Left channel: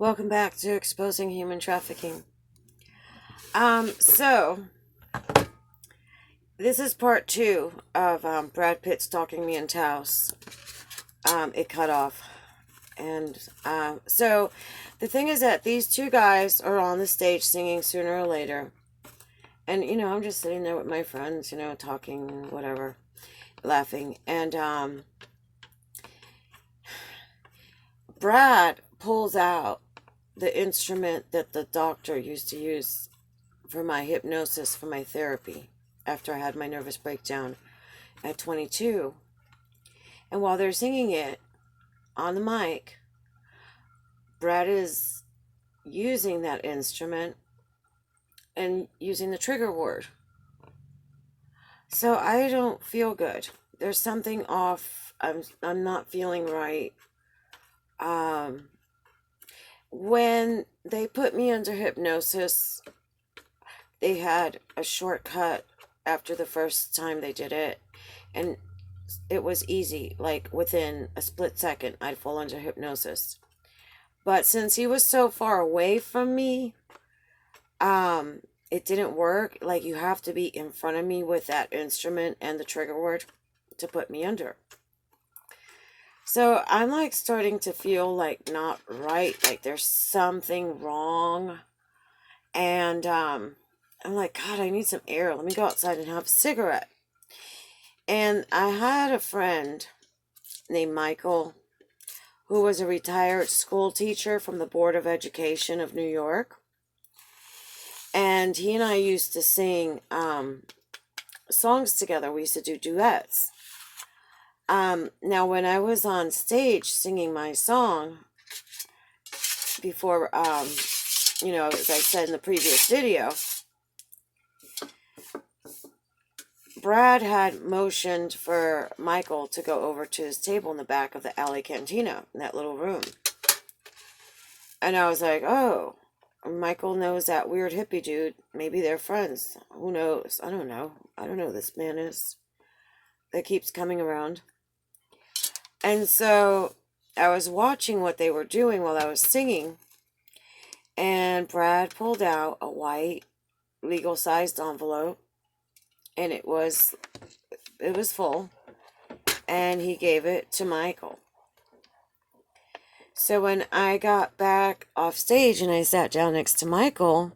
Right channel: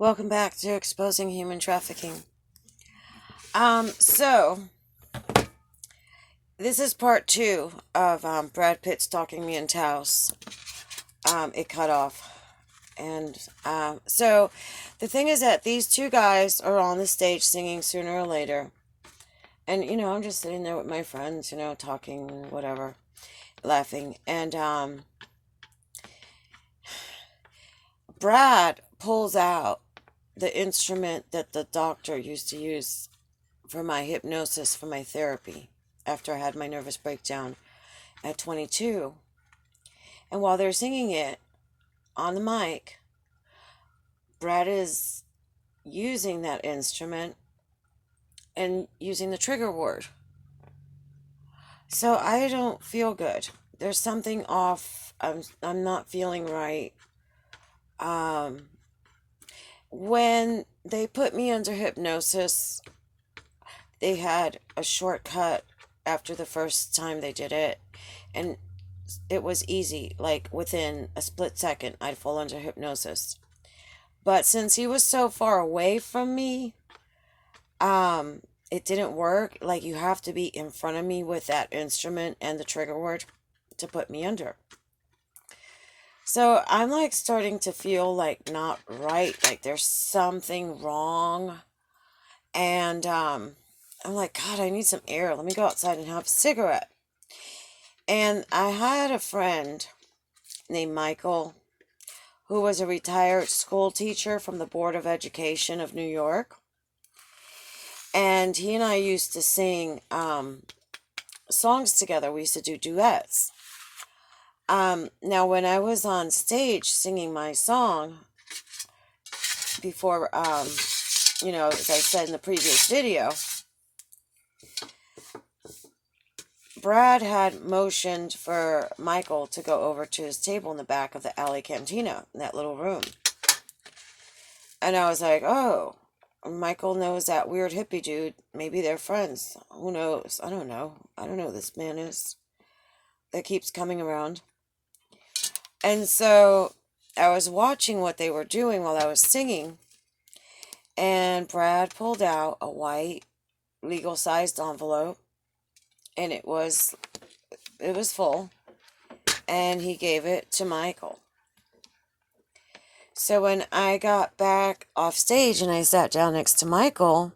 Welcome back to Exposing Human Trafficking. So this is part two of Brad Pitt stalking me in Taos. It cut off. And so the thing is that these two guys are on the stage singing sooner or later. And, I'm just sitting there with my friends, talking, whatever, laughing. And Brad pulls out the instrument that the doctor used to use for my hypnosis, for my therapy, after I had my nervous breakdown at 22. And while they're singing it on the mic, Brad is using that instrument and using the trigger word. So I don't feel good. There's something off. I'm not feeling right. When they put me under hypnosis, they had a shortcut after the first time they did it, and it was easy. Like within a split second, I'd fall under hypnosis. But since he was so far away from me, it didn't work. Like, you have to be in front of me with that instrument and the trigger word to put me under. So I'm like starting to feel like not right, like there's something wrong. And I'm like, God, I need some air. Let me go outside and have a cigarette. And I had a friend named Michael who was a retired school teacher from the Board of Education of New York. And he and I used to sing songs together. We used to do duets. Now, when I was on stage singing my song before, as I said in the previous video, Brad had motioned for Michael to go over to his table in the back of the alley cantina in that little room. And I was like, oh, Michael knows that weird hippie dude. Maybe they're friends. Who knows? I don't know. I don't know who this man is that keeps coming around. And so I was watching what they were doing while I was singing. And Brad pulled out a white legal-sized envelope. And it was full. And he gave it to Michael. So when I got back off stage and I sat down next to Michael,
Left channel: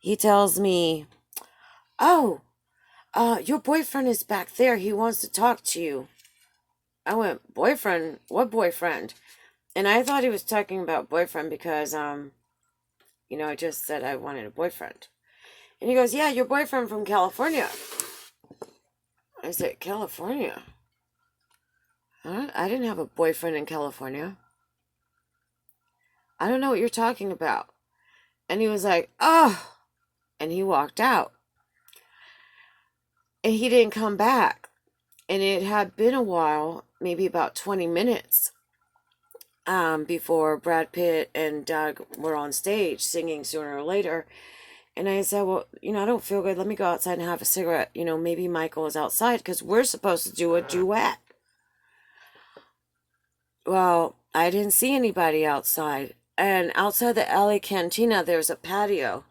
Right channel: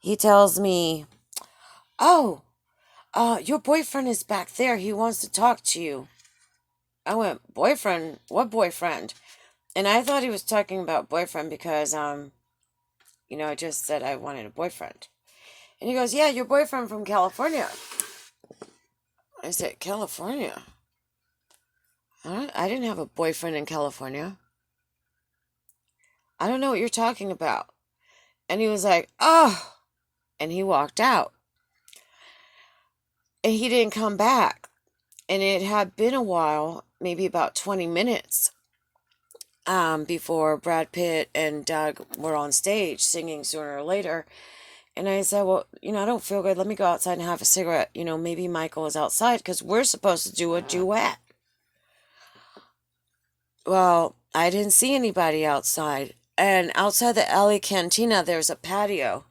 he tells me, oh, your boyfriend is back there. He wants to talk to you. I went, boyfriend? What boyfriend? And I thought he was talking about boyfriend because, I just said I wanted a boyfriend. And he goes, yeah, your boyfriend from California. I said, California? I didn't have a boyfriend in California. I don't know what you're talking about. And he was like, oh, and he walked out. And he didn't come back. And it had been a while, maybe about 20 minutes, before Brad Pitt and Doug were on stage singing Sooner or Later. And I said, well, I don't feel good. Let me go outside and have a cigarette. Maybe Michael is outside because we're supposed to do a duet. Well, I didn't see anybody outside. And outside the alley cantina, there's a patio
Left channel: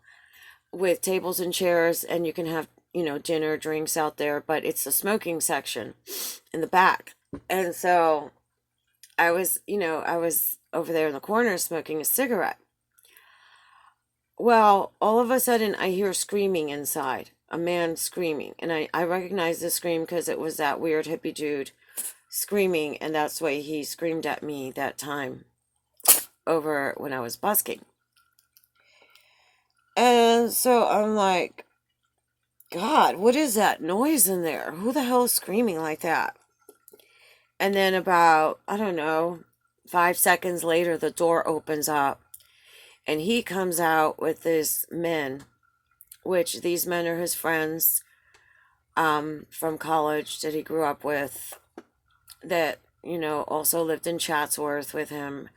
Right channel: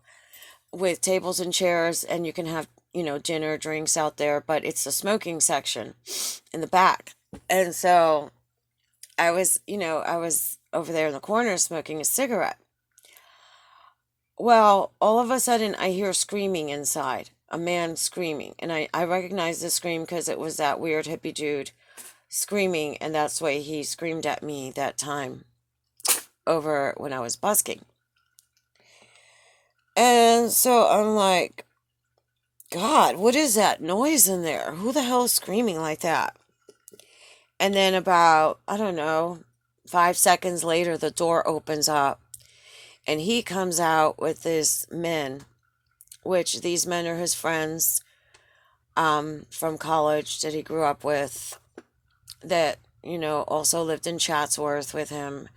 with tables and chairs, and you can have, dinner, drinks out there, but it's the smoking section in the back. And so I was over there in the corner smoking a cigarette. Well, all of a sudden I hear screaming inside, a man screaming. And I recognized the scream because it was that weird hippie dude screaming, and that's why he screamed at me that time over when I was busking. And so I'm like, God, what is that noise in there? Who the hell is screaming like that? And then about, I don't know, 5 seconds later, the door opens up and he comes out with his men, which these men are his friends from college that he grew up with, that, also lived in Chatsworth with him,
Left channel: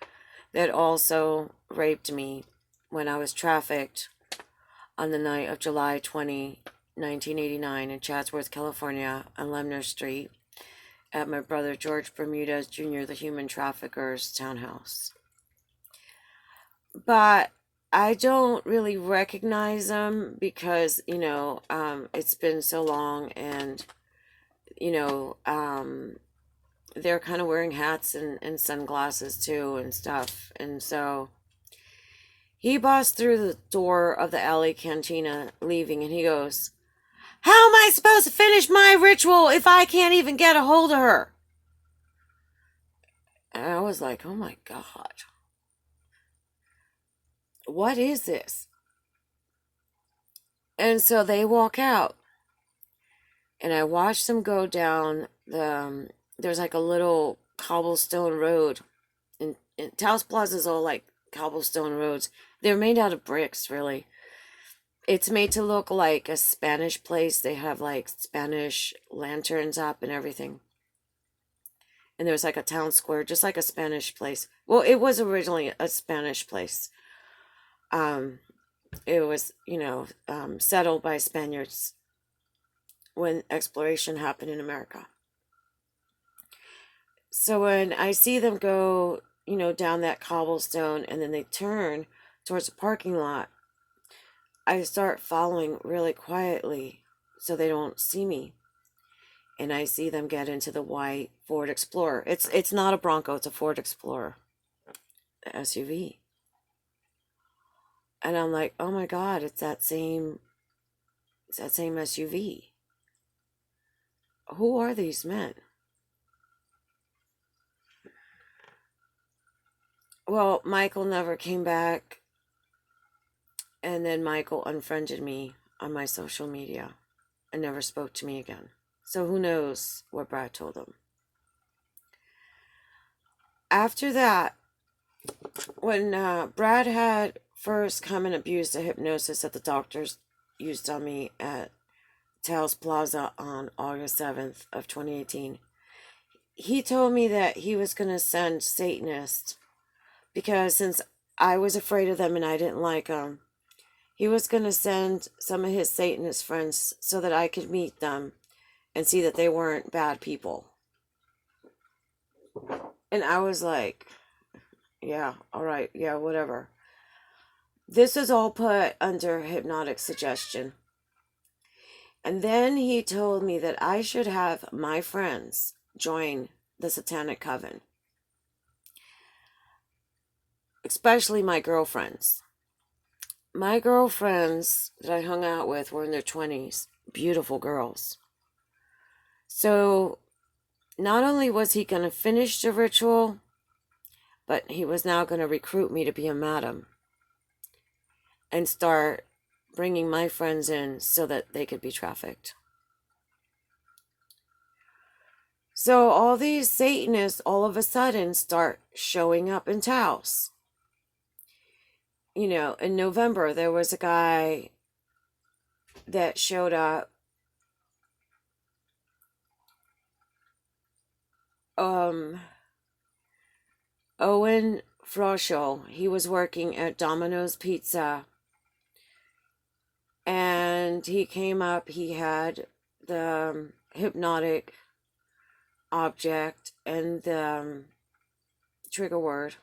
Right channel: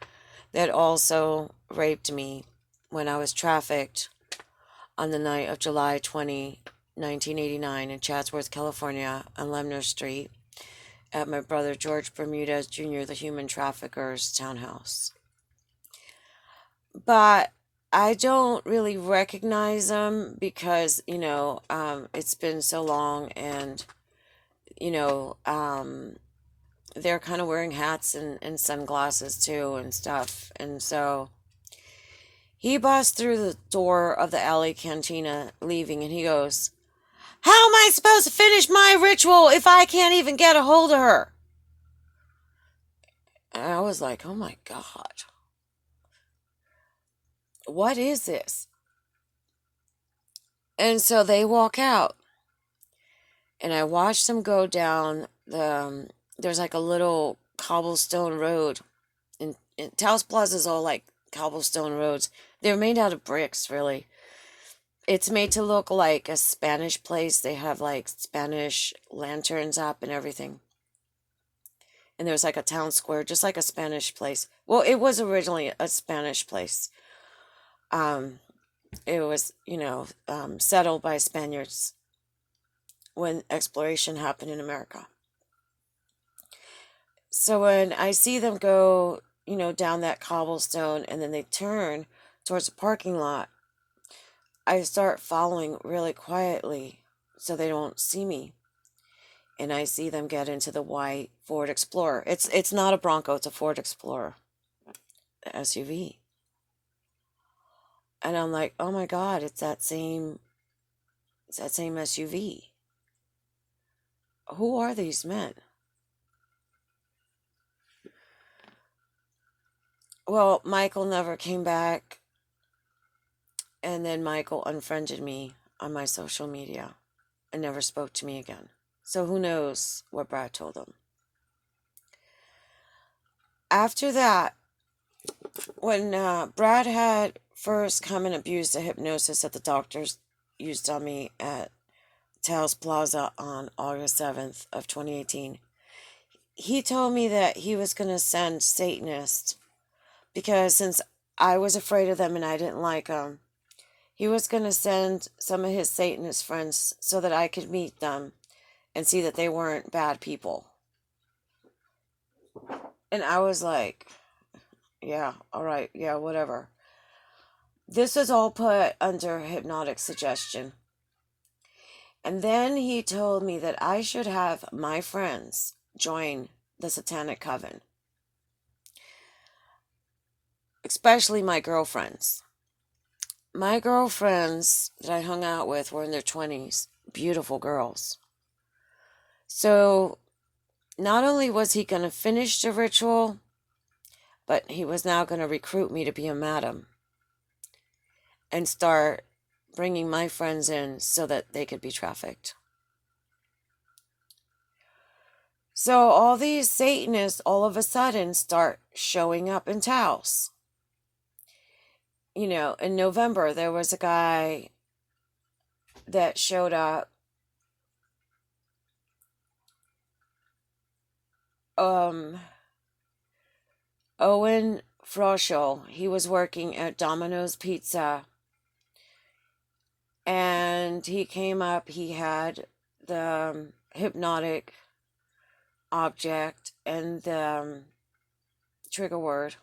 that also raped me when I was trafficked on the night of July 20, 1989 in Chatsworth, California, on Lemner Street at my brother George Bermudez Jr., the human trafficker's townhouse. but I don't really recognize them because, it's been so long, and, you know, um, they're kind of wearing hats and sunglasses too and stuff. And so he busts through the door of the alley cantina leaving, and he goes, "How am I supposed to finish my ritual if I can't even get a hold of her?" And I was like, oh my God, what is this? And so they walk out, and I watched them go down there's like a little cobblestone road. In Taos Plaza is all like cobblestone roads. They're made out of bricks, really. It's made to look like a Spanish place. They have like Spanish lanterns up and everything. And there's like a town square, just like a Spanish place. Well, it was originally a Spanish place. Um, it was, settled by Spaniards when exploration happened in America. So when I see them go, down that cobblestone and then they turn towards the parking lot, I start following really quietly so they don't see me. And I see them get into the white Ford Explorer. It's not a Bronco, it's a Ford Explorer, the SUV. And I'm like, "Oh my God, it's that same SUV. Who are these men?" Well, Michael never came back, and then Michael unfriended me on my social media and never spoke to me again. So who knows what Brad told him. After that, when Brad had first come and abused the hypnosis that the doctors used on me at Taos Plaza on August 7th of 2018, he told me that he was going to send Satanists because since I was afraid of them and I didn't like them, he was going to send some of his Satanist friends so that I could meet them and see that they weren't bad people. And I was like, yeah, all right, yeah, whatever. This was all put under hypnotic suggestion. And then he told me that I should have my friends join the Satanic Coven, especially my girlfriends. My girlfriends that I hung out with were in their 20s, beautiful girls. So not only was he going to finish the ritual, but he was now going to recruit me to be a madam and start bringing my friends in so that they could be trafficked. So all these Satanists all of a sudden start showing up in Taos. In November, there was a guy that showed up. Owen Froschel, he was working at Domino's Pizza, and he came up. He had the hypnotic object and the trigger word,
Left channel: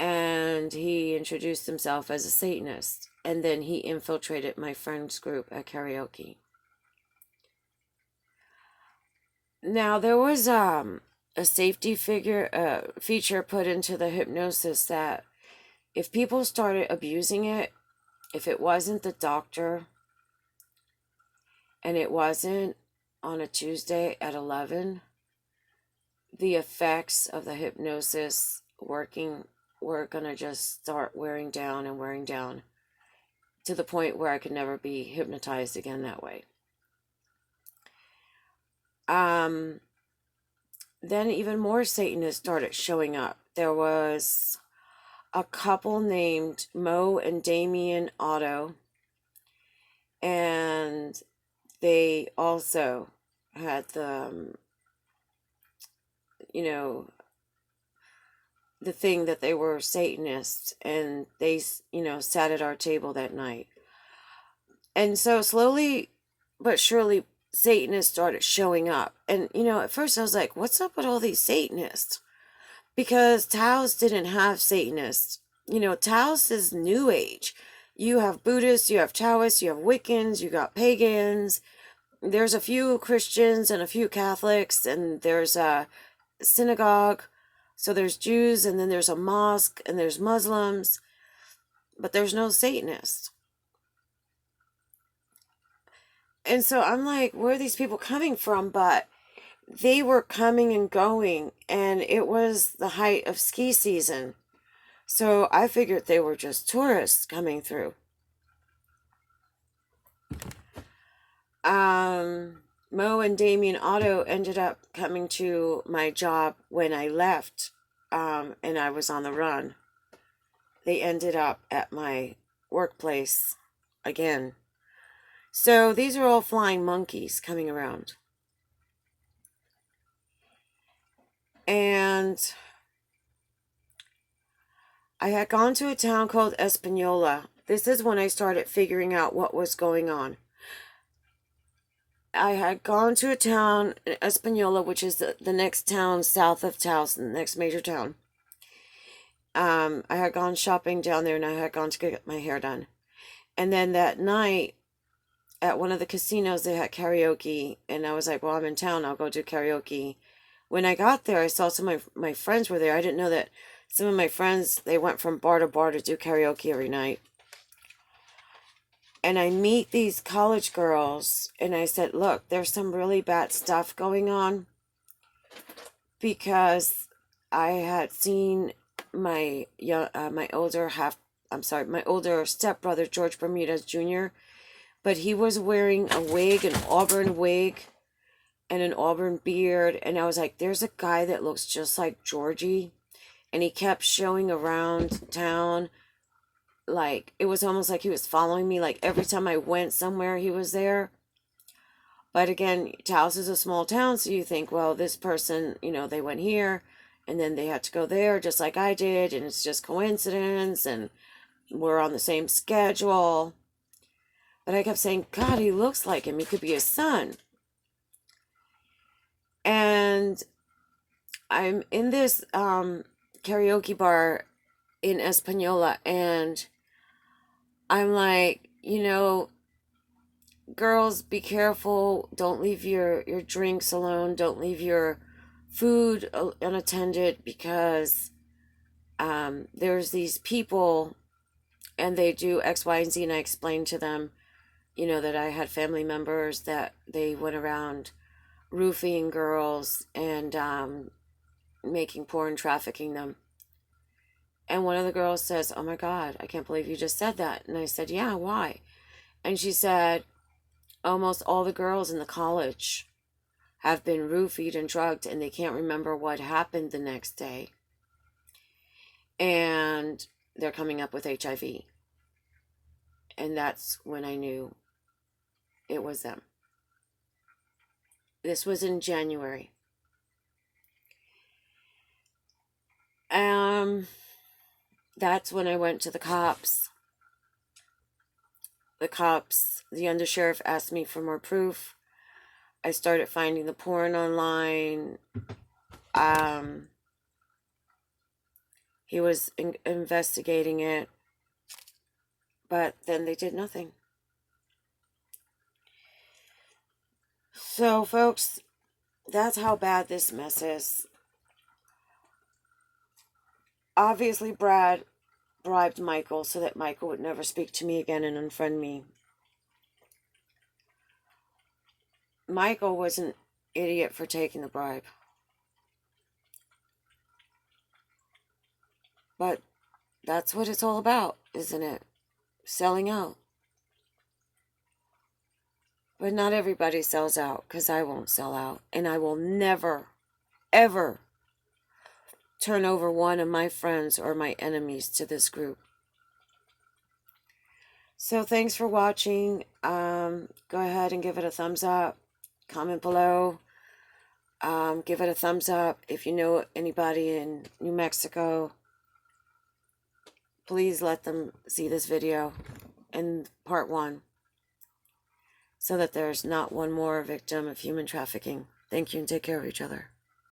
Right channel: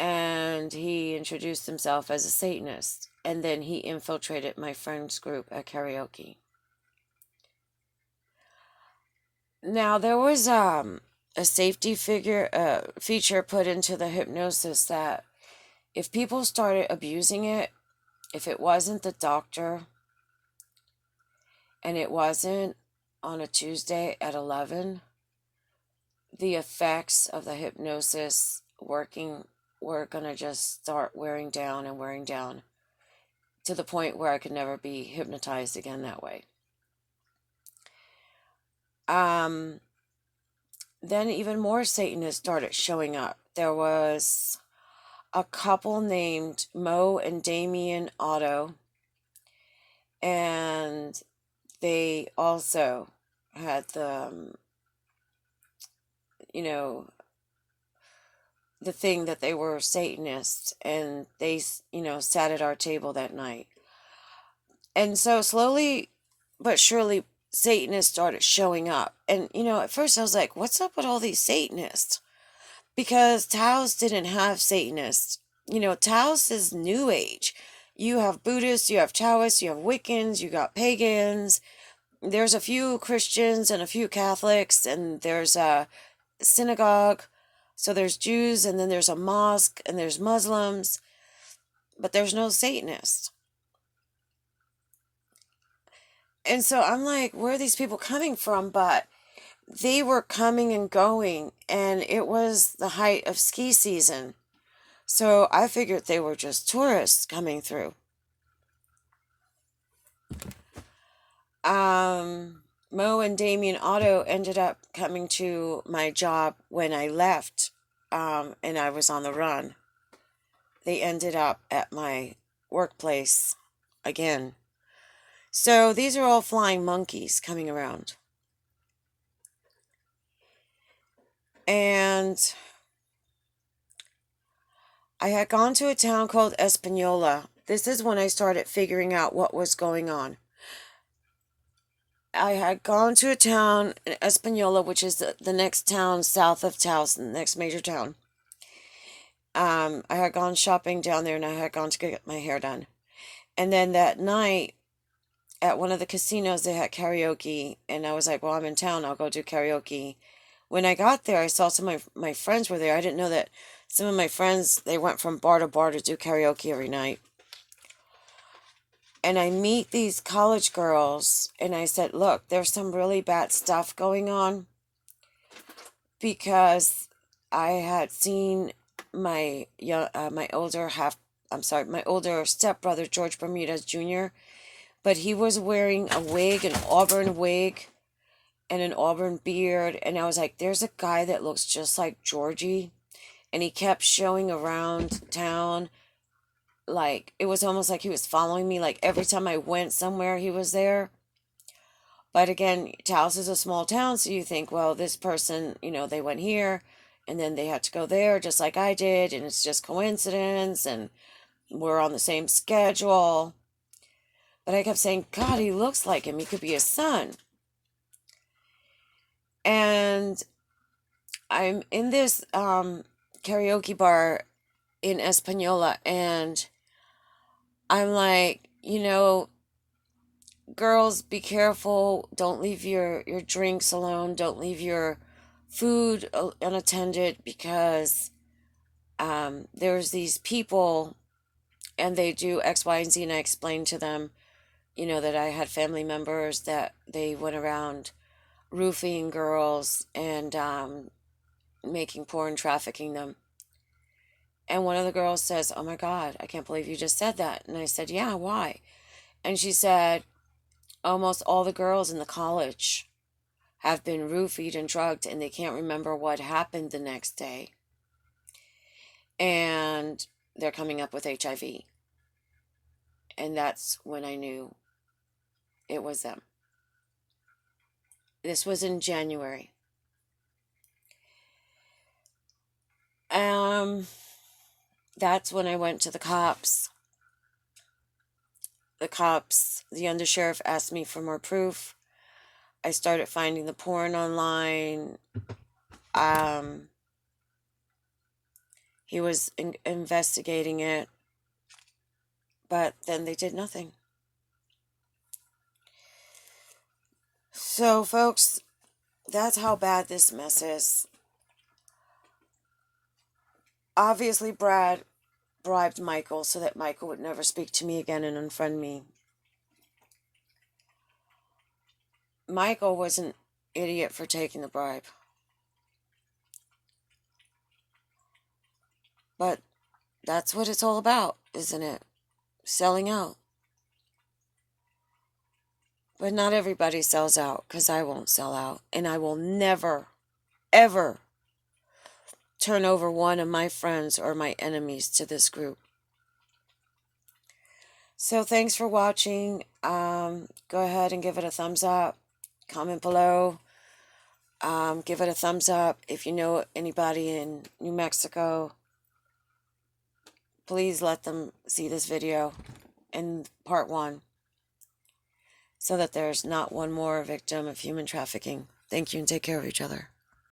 and he introduced himself as a Satanist, and then he infiltrated my friend's group at karaoke. Now there was a safety feature put into the hypnosis that if people started abusing it, if it wasn't the doctor and it wasn't on a Tuesday at 11, the effects of the hypnosis working were going to just start wearing down and wearing down to the point where I could never be hypnotized again that way. Then even more Satanists started showing up. There was a couple named Mo and Damien Otto, and they also had the thing that they were Satanists, and they, sat at our table that night. And so slowly but surely, Satanists started showing up. And, at first I was like, what's up with all these Satanists? Because Taos didn't have Satanists Taos is New Age. You have Buddhists, you have Taoists, you have Wiccans, you got pagans. There's a few Christians and a few Catholics, and there's a synagogue. So there's Jews, and then there's a mosque, and there's Muslims, but there's no Satanists. And so I'm like, where are these people coming from? But they were coming and going, and it was the height of ski season. So I figured they were just tourists coming through. Mo and Damien Otto ended up coming to my job when I left, and I was on the run. They ended up at my workplace again. So these are all flying monkeys coming around. And I had gone to a town called Espanola. This is when I started figuring out what was going on. I had gone to a town in Espanola, which is the next town south of Taos, the next major town. I had gone shopping down there, and I had gone to get my hair done. And then that night, at one of the casinos, they had karaoke, and I was like, well, I'm in town, I'll go do karaoke. When I got there, I saw some of my friends were there. I didn't know that some of my friends, they went from bar to bar to do karaoke every night. And I meet these college girls, and I said, look, there's some really bad stuff going on, because I had seen my older stepbrother, George Bermudez Jr., but he was wearing a wig, an auburn wig, and an auburn beard, and I was like, there's a guy that looks just like Georgie, and he kept showing around town, like, it was almost like he was following me, like, every time I went somewhere, he was there. But again, Taos is a small town, so you think, well, this person, they went here, and then they had to go there, just like I did, and it's just coincidence, and we're on the same schedule. But I kept saying, God, he looks like him. He could be his son. And I'm in this karaoke bar in Espanola, and I'm like, girls, be careful. Don't leave your drinks alone. Don't leave your food unattended, because there's these people, and they do X, Y, and Z. And I explained to them, that I had family members that they went around roofing girls and making porn, trafficking them. And one of the girls says, oh my God, I can't believe you just said that. And I said, yeah, why? And she said, almost all the girls in the college have been roofied and drugged, and they can't remember what happened the next day. And they're coming up with HIV. And that's when I knew it was them. This was in January. That's when I went to the cops. The undersheriff asked me for more proof. I started finding the porn online. He was investigating it, but then they did nothing. So, folks, that's how bad this mess is. Obviously, Brad bribed Michael so that Michael would never speak to me again and unfriend me. Michael was an idiot for taking the bribe. But that's what it's all about, isn't it? Selling out. But not everybody sells out, because I won't sell out. And I will never, ever turn over one of my friends or my enemies to this group. So thanks for watching. Go ahead and give it a thumbs up. Comment below. Give it a thumbs up. If you know anybody in New Mexico, please let them see this video in part 1, so that there's not one more victim of human trafficking. Thank you, and take care of each other.